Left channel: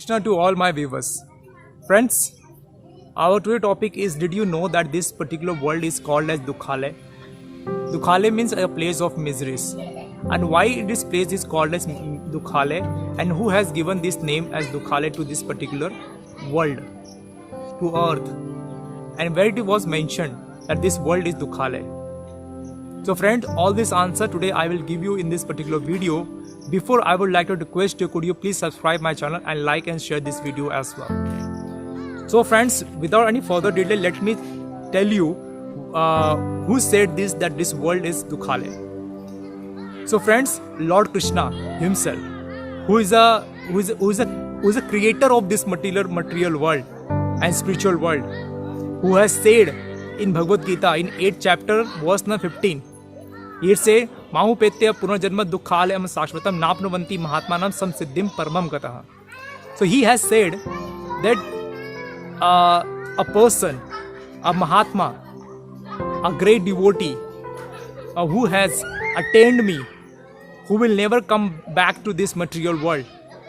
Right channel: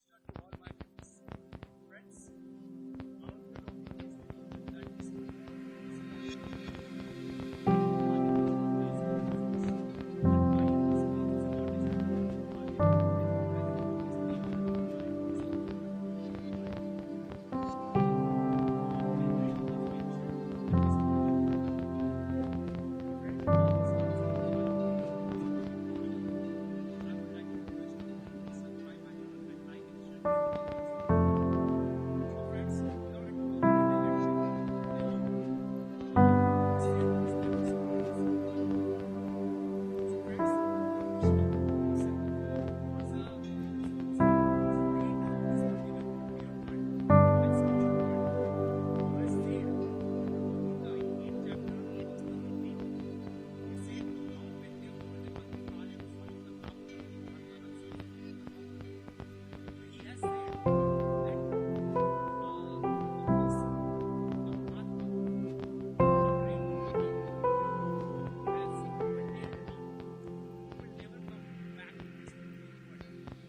Krishna to all my viewers. Friends, our today topic is, did you know that this particular world is called as Dukhale? Dukhale means a place of miseries. And why this place is called as Dukhale, and who has given this name as Dukhale to this particular world, to earth, and where it was mentioned that this world is Dukhale. So friend, all this answer today I will give you in this particular video. Before, I would like to request you, could you please subscribe my channel and like and share this video as well. So friends, without any further delay, let me tell you who said this, that this world is Dukhale. So friends, Lord Krishna himself, who is a creator of this material world and spiritual world, who has said in Bhagavad Gita in 8th chapter verse number 15, he say, Mahupetya punarjanma dukhalayam sashvatam napnuvanti mahatmanam samsiddhim paramam gataha. So he has said that a person, a Mahatma, a great devotee who has attained me, who will never come back to this material world,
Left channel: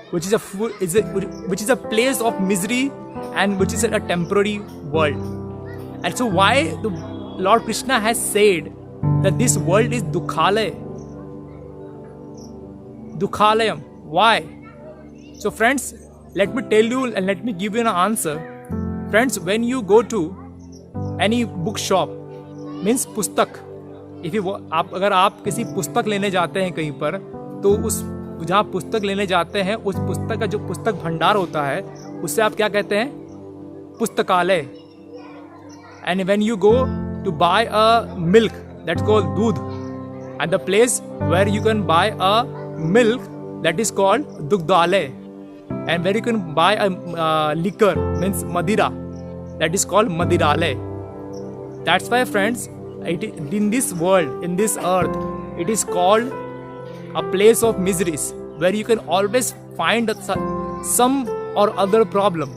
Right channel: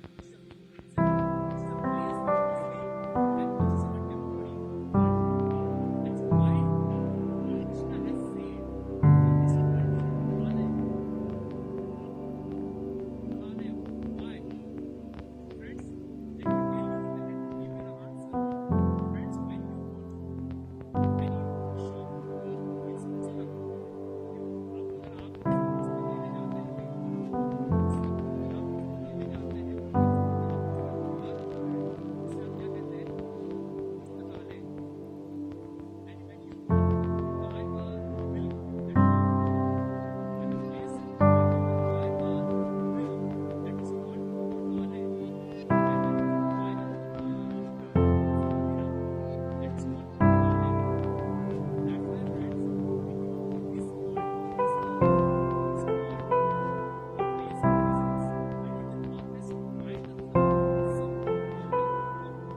which is a place of misery and which is a temporary world. And so why the Lord Krishna has said that this world is Dukhalayam. Why? So friends, let me tell you and let me give you an answer. Friends, when you go to any bookshop, means पुस्तक, अगर आप किसी पुस्तक लेने जाते हैं कहीं पर, तो उस जहाँ पुस्तक लेने जाते हैं उस पुस्तक का जो पुस्तक भंडार होता है उससे आप क्या कहते हैं? पुस्तकालय. And when you go to buy a milk, that's called दूध, and the place where you can buy a milk, that is called Dugdalay, and where you can buy a liquor, means Madira, that is called Madiralay. That's why friends, in this world, in this earth, it is called a place of miseries, where you can always find some or other problem.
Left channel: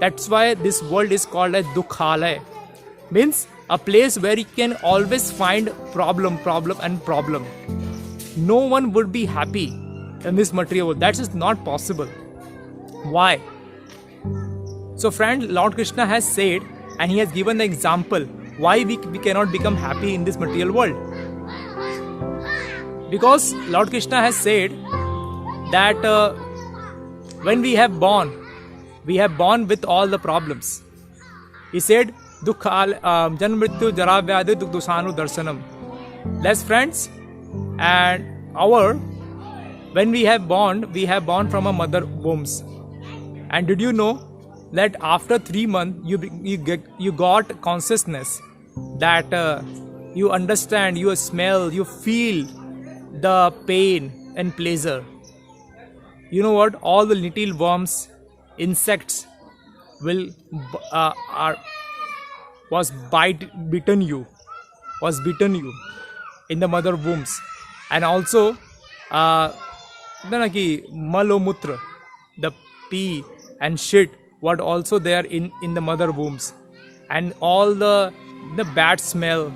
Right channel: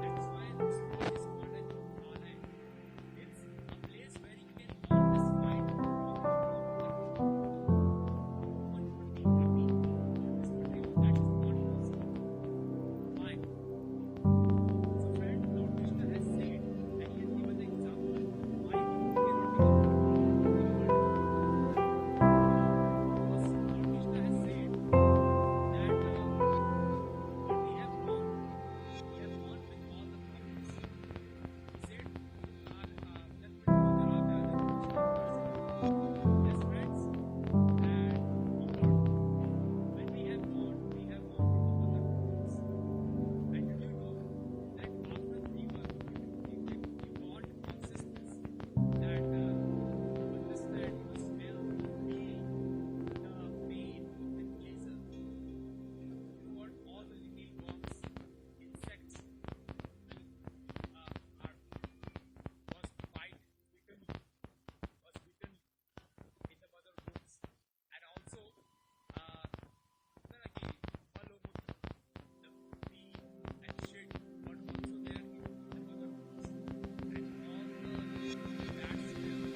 That's why this world is called as Dukhalay, means a place where you can always find problem. No one would be happy in this material world. That is not possible. Why? So friend, Lord Krishna has said, and he has given the example why we cannot become happy in this material world. Because Lord Krishna has said that when we have born with all the problems. He said, Janam mrityu jara vyadhi dukdusanu darshanam. Less friends, and when we have born from a mother wombs. And did you know that after 3 months you got consciousness, that you understand, you smell, you feel the pain and pleasure. You know what? All the little worms, insects was bitten you in the mother wombs. And also Malomutra, the pee and shit, what also there in the mother wombs, and all the bad smell,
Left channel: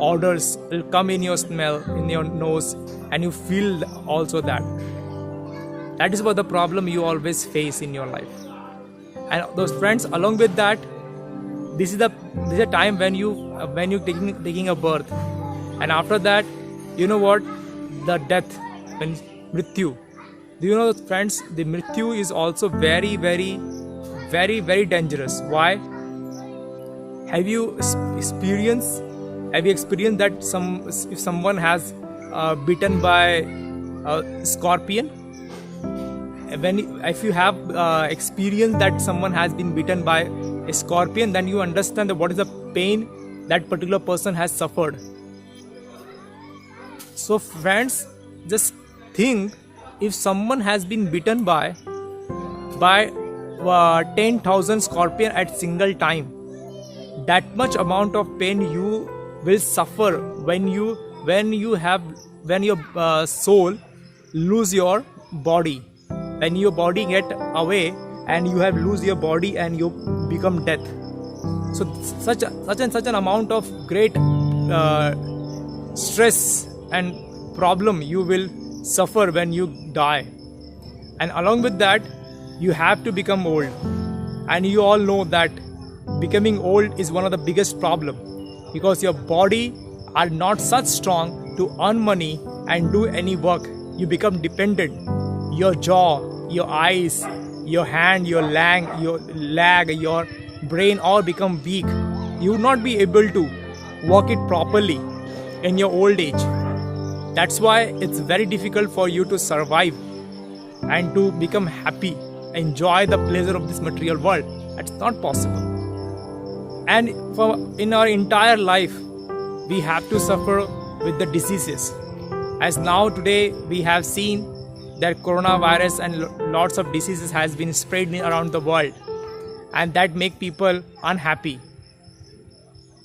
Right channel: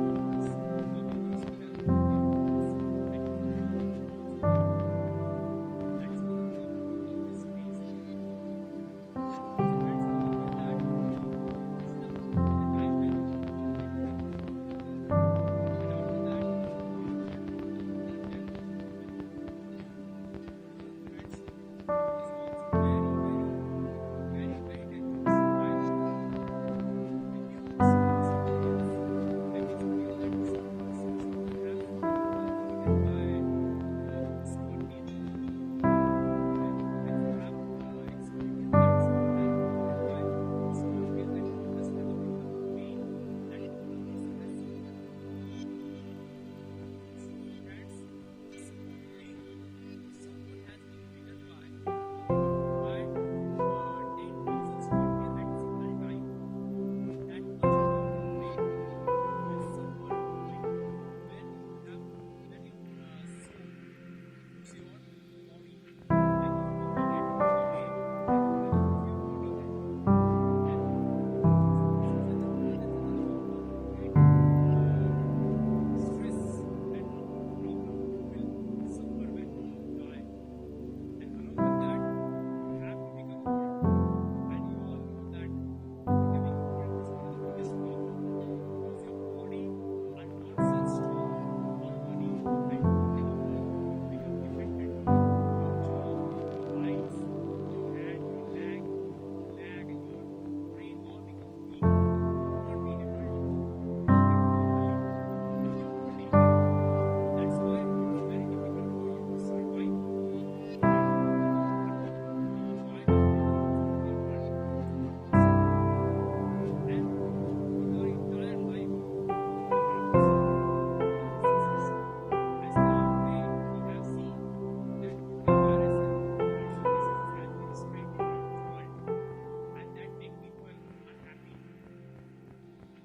odors will come in your nose, and you feel also that. That is what the problem you always face in your life. And those friends, along with that, this is a time when you taking a birth, and after that, you know what, the death, when mrityu. Do you know, friends, the mrityu is also very, very, very, very dangerous. Why? Have you experienced that if someone has bitten by a scorpion? If you have experienced that someone has been bitten by a scorpion, then you understand what is the pain that particular person has suffered. So friends, just think, if someone has been bitten by 10,000 scorpion at single time, that much amount of pain you will suffer when your soul lose your body. When your body get away and you have lose your body and you become death. So such an amount of great stress and problem you will suffer when you die. And along with that, you have to become old. And you all know that becoming old is one of the biggest problem, because your body are not such strong to earn money and do any work. You become dependent. Your jaw, your eyes, your hand, your leg, your brain all become weak. You will not be able to work it properly in your old age. That's why it's very difficult for you to survive and to become happy, enjoy the pleasure of this material world. That's not possible. And in our entire life, we have to suffer with the diseases. As now today we have seen that coronavirus and lots of diseases has been spread around the world, and that make people unhappy.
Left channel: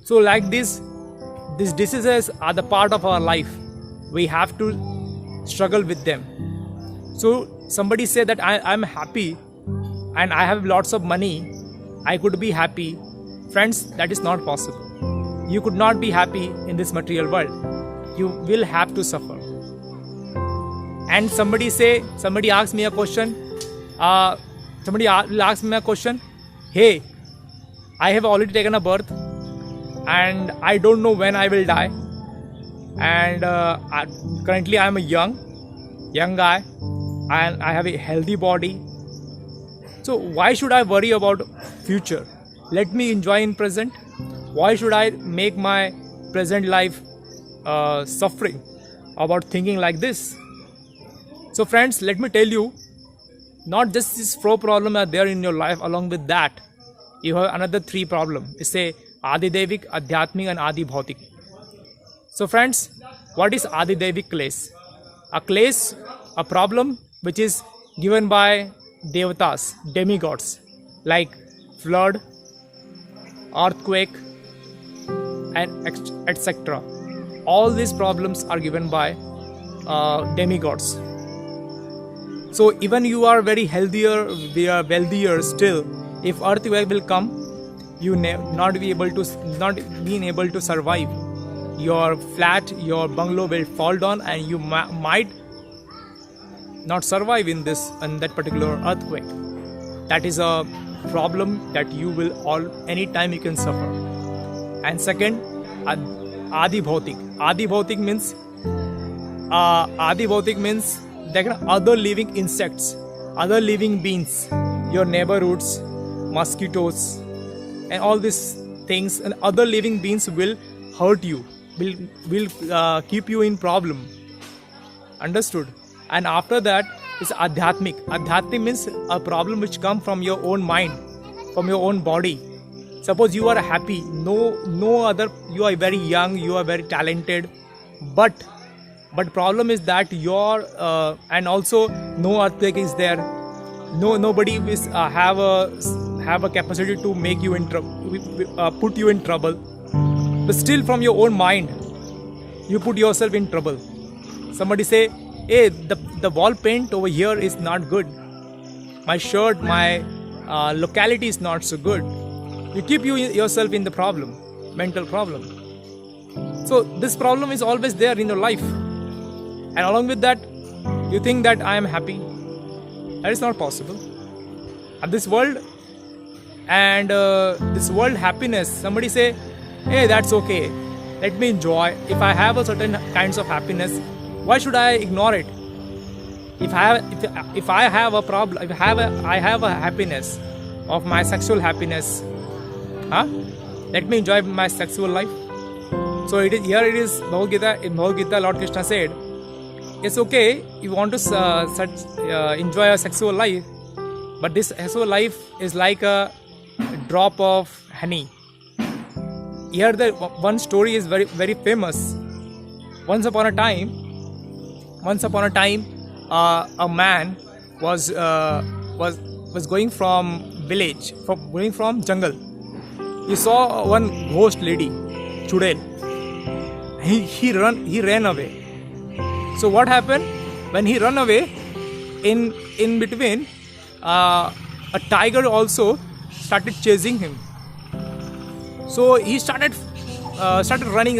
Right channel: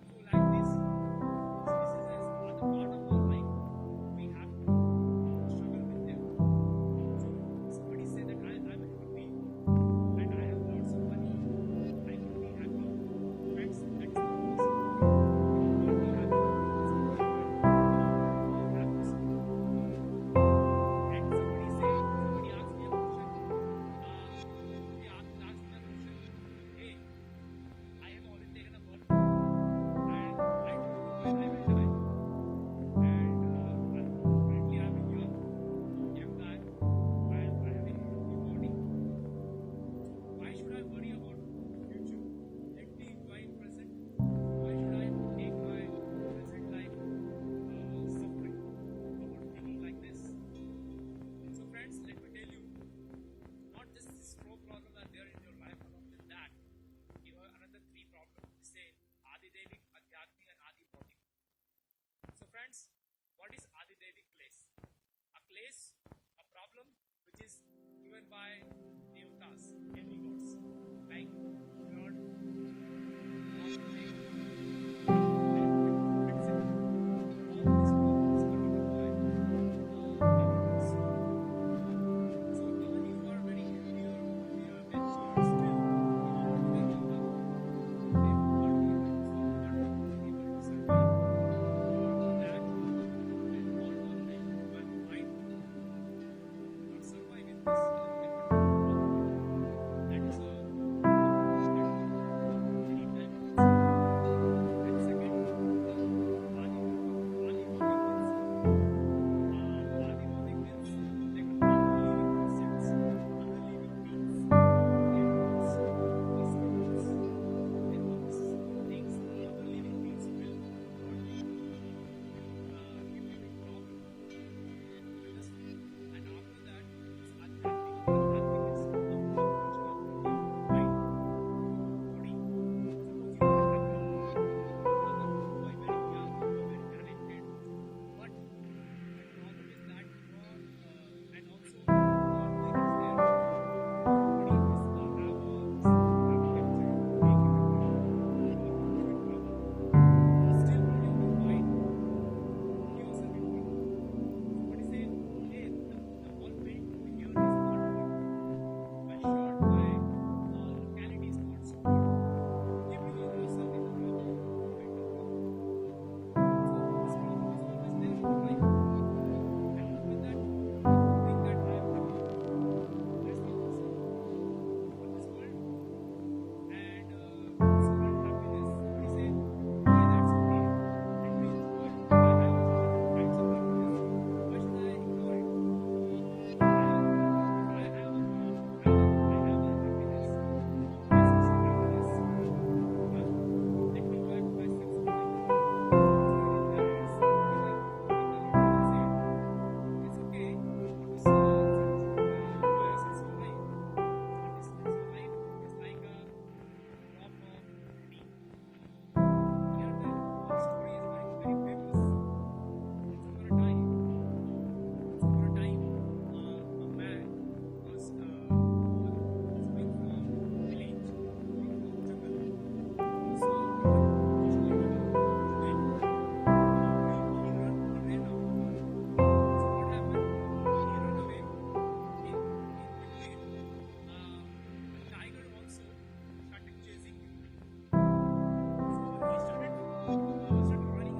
So like these diseases are the part of our life. We have to struggle with them. So somebody say that I'm happy and I have lots of money, I could be happy. Friends, that is not possible. You could not be happy in this material world. You will have to suffer. And somebody asks me a question. Somebody will ask me a question. Hey, I have already taken a birth and I don't know when I will die. And currently I am a young guy and I have a healthy body. So why should I worry about future? Let me enjoy in present. Why should I make my present life suffering about thinking like this? So friends, let me tell you, not just these 4 problems are there in your life. Along with that, you have another 3 problems. It's a Adidevik, Adhyatmik and Adi Bhautik. So friends, what is Adidevik clash? A clash, a problem which is given by devatas, demigods, like flood, earthquake, and etc. All these problems are given by demigods. So even you are very healthier, we are wealthier still. If earthquake will come, you not being able to survive. Your flat, your bungalow will fall down, and you might not survive in that particular earthquake. That is a problem that you will anytime you can suffer. And second, Adi Bhautik. Adi Bhautik means there are other living insects, other living beings, your neighborhoods, mosquitoes, and all these things, and other living beings will hurt you, will keep you in problem. Understood? And after that is Adhyatmik. Adhyatmik means a problem which comes from your own mind, from your own body. Suppose you are happy, no other, you are very young, you are very talented, but problem is that and also no earthquake is there, nobody is have a capacity to make you in trouble, put you in trouble, but still from your own mind you put yourself in trouble. Somebody say, hey, the wall paint over here is not good, my shirt, my locality is not so good. You keep yourself in the problem, mental problem. So this problem is always there in your life. And along with that, you think that I am happy. That is not possible. And this world happiness, somebody say, hey, that's okay. Let me enjoy. If I have a certain kinds of happiness, why should I ignore it? If I have a problem, I have a happiness of my sexual happiness, let me enjoy my sexual life. So it is Bhagavad Gita. In Bhagavad Gita, Lord Krishna said, it's okay if you want to enjoy a sexual life, but this sexual life is like a drop of honey. Here the one story is very, very famous. Once upon a time, a man was going from village, going from jungle. He saw one ghost lady, Chudel. He ran away. So what happened? When he ran away, in between, a tiger also started chasing him. So he started running.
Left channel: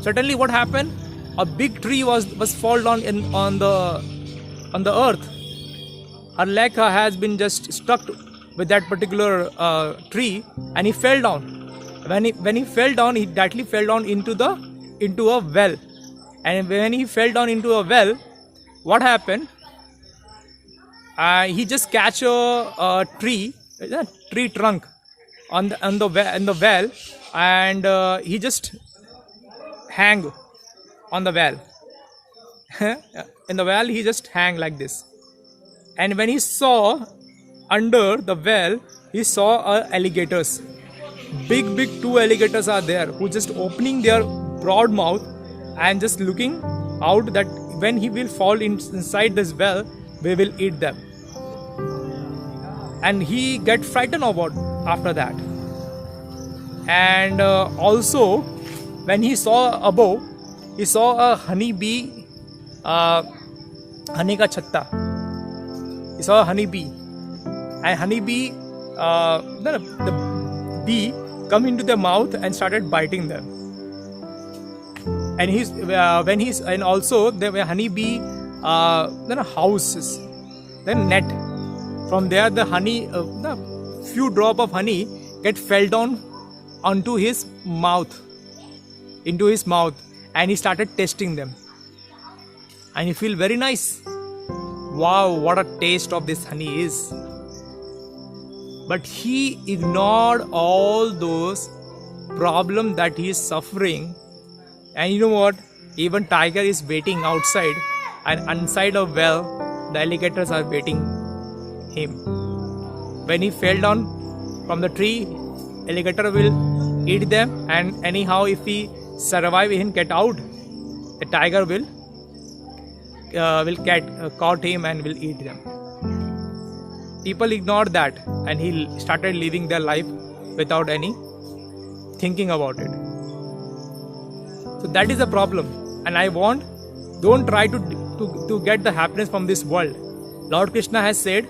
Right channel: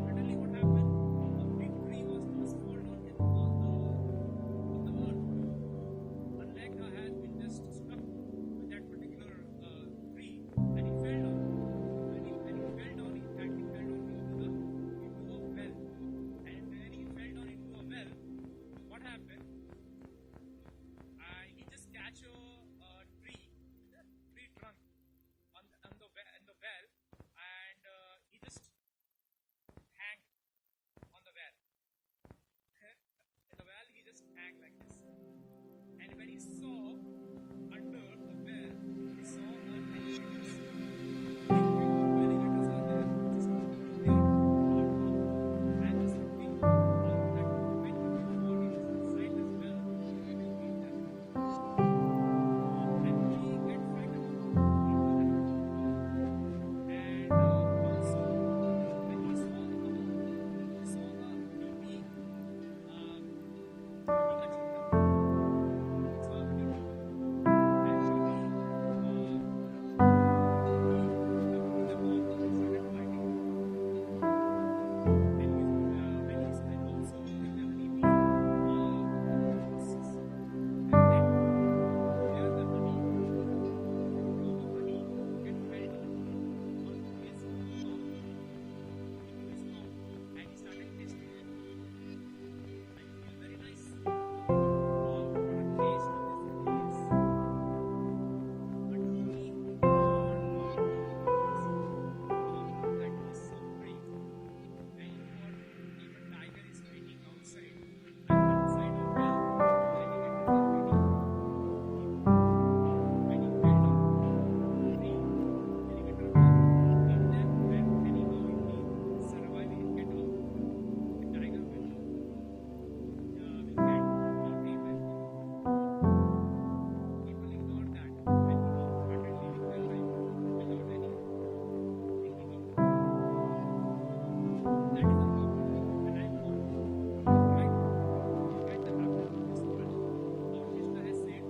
Suddenly, what happened? A big tree was fall down on the earth. her leg has been just stuck with that particular tree, and he fell down. When he fell down, he directly fell down into a well. And when he fell down into a well, what happened? He just catch a tree trunk on the well, and he just hang on the well. In the well, he just hang like this. And when he saw under the well, he saw alligators. Big 2 alligators are there who just opening their broad mouth and just looking out that when he will fall inside this well, we will eat them. And he get frightened about after that. And also, when he saw above, he saw a honeybee, honey ka chatta. He saw a honeybee, and honeybee, the bee come into their mouth and started biting them. And and also there were honeybee, there are houses, then net. From there, the honey, the few drop of honey get fell down onto his mouth, and he started tasting them. And he feel very nice. Wow, what a taste of this honey is. But he ignored all those problems that he is suffering. And you know what? Even tiger is waiting outside, and inside a well, the alligators are waiting him. When he fell down from the tree, alligator will eat them, and anyhow if he survive and get out, the tiger will caught him and will eat them. People ignored that, and he started living their life without any thinking about it. So that is the problem, and I want, don't try to get the happiness from this world. Lord Krishna has said,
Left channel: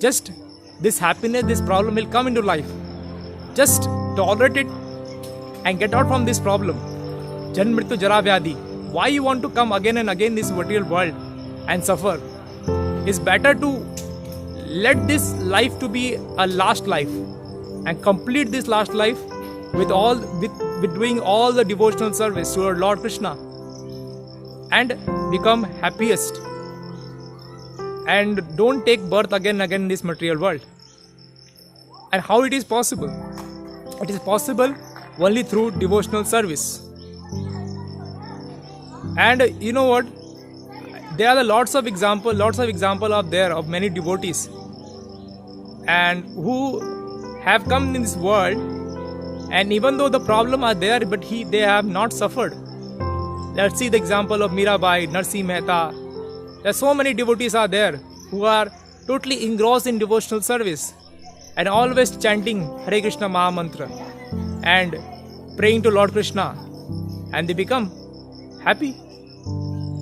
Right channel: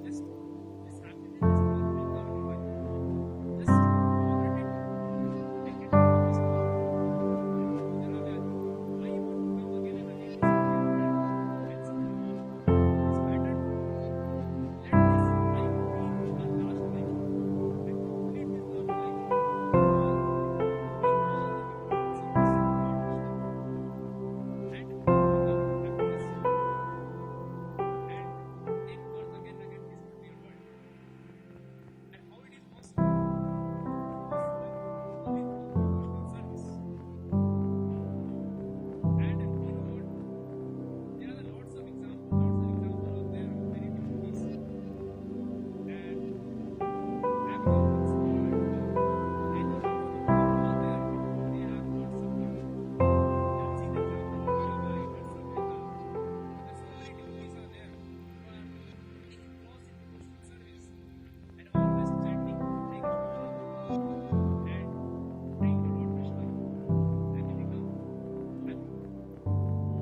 just this happiness, this problem will come into life. Just tolerate it and get out from this problem. Janm mrityu jara vyadhi. Why you want to come again and again this material world and suffer? It's better to let this life to be a last life and complete this last life with doing all the devotional service to our Lord Krishna and become happiest. And don't take birth again and again in this material world. And how it is possible? It is possible only through devotional service. And you know what? There are lots of example out there of many devotees and who have come in this world, and even though the problem are there, but they have not suffered. Let's see the example of Mirabai, Narsi Mehta. There are so many devotees are there who are totally engrossed in devotional service and always chanting Hare Krishna Maha Mantra and praying to Lord Krishna, and they become happy.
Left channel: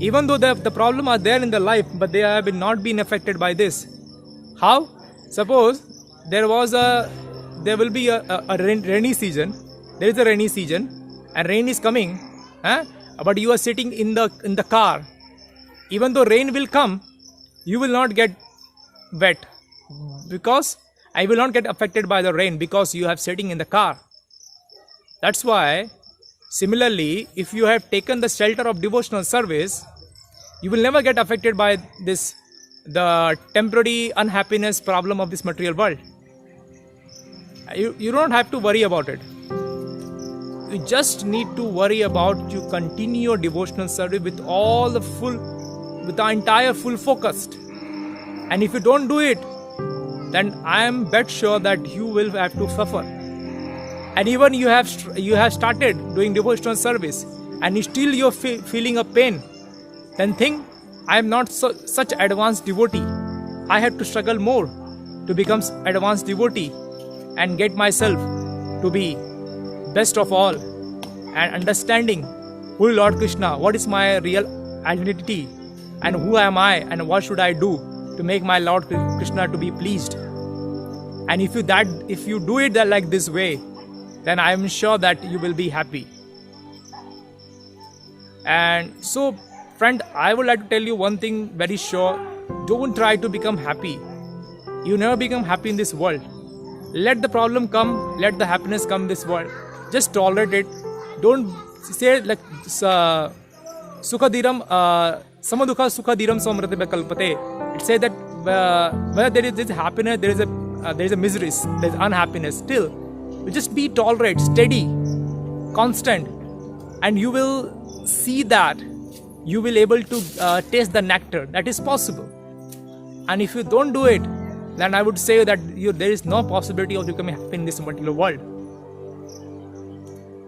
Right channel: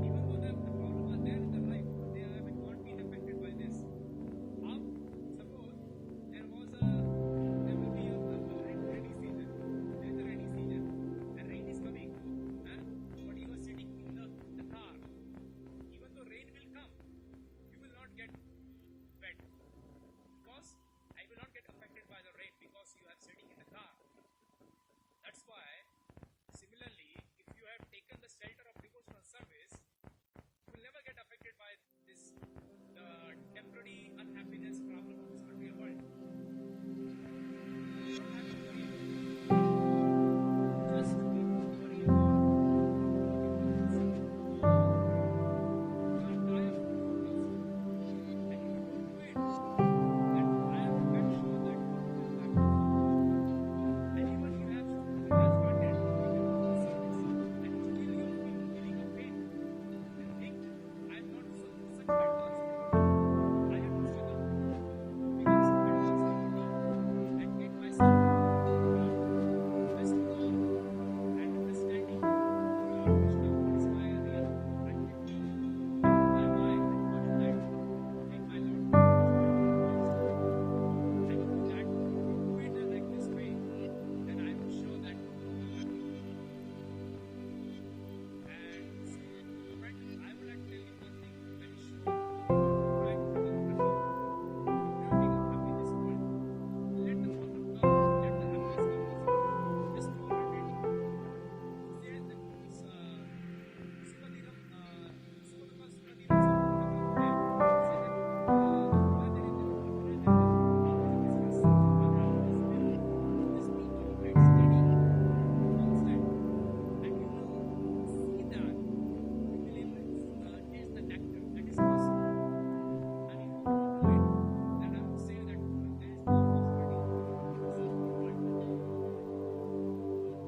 Even though the problem are there in their life, but they have not been affected by this. How? Suppose there will be a rainy season. There is a rainy season and rain is coming, but you are sitting in the car. Even though rain will come, you will not get wet, because I will not get affected by the rain, because you have sitting in the car. That's why, similarly, if you have taken the shelter of devotional service, you will never get affected by the temporary unhappiness problem of this material world. You don't have to worry about it. You just need to worry about you continue your devotional service with the entire full focus. And if you don't do it, then I am bet sure that you will have to suffer. And even you have started doing devotional service and still you're feeling a pain, then think, I am not such advanced devotee. I have to struggle more to become advanced devotee and get myself to be best of all, and understanding who is Lord Krishna, what is my real identity, and who am I, and what should I do to make my Lord Krishna to be pleased. And if you do it like this way, then I am sure that you will be happy. And so, friend, I would like to tell you one thing very sure, don't try to become happy. You never become happy in this world. Let the problem come, let the happiness come in this world. Just tolerate it. Don't say like Sukadiram Samadukha Sukadiram Somrati Kalpate. It says that where there is this happiness, there is a misery, there is unhappiness. Still, you just be tolerant, steady, constant, and you will see that you will able to taste the nectar. That is possible. And if you don't do it, then I would say that there is no possibility of becoming happy in this material world.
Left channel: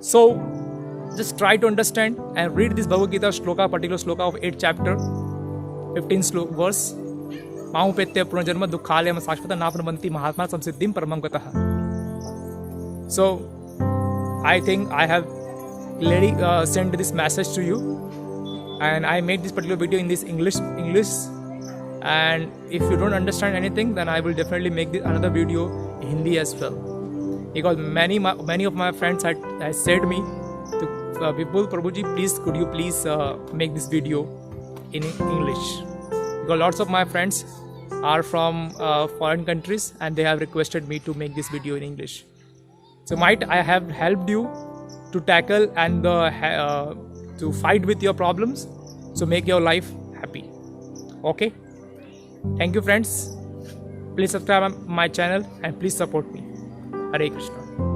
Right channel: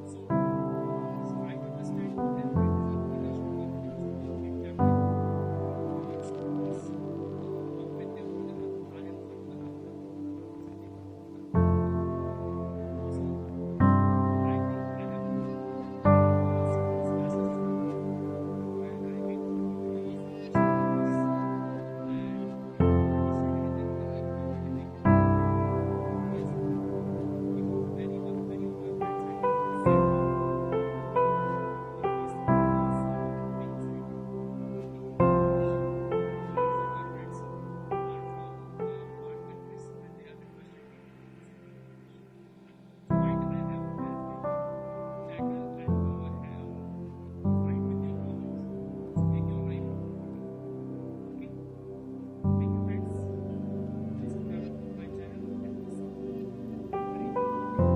So, just try to understand and read this Bhagavad Gita shloka, particular shloka of 8th chapter, 15th verse. Mahupetya punarjanma dukhalayam sashvata napramanti mahatma samsiddhim paramam gataha. So, I think I have clearly sent this message to you, and I made this particular video in this English. And if you don't understand anything, then I will definitely make another video in Hindi as well, because many of my friends had said me to Vipul Prabhuji, please could you please make this video in English, because lots of my friends are from foreign countries and they have requested me to make this video in English. So might I have helped you to tackle and to fight with your problems, so make your life happy. Okay, thank you friends. Please subscribe my channel and please support me. Hare Krishna.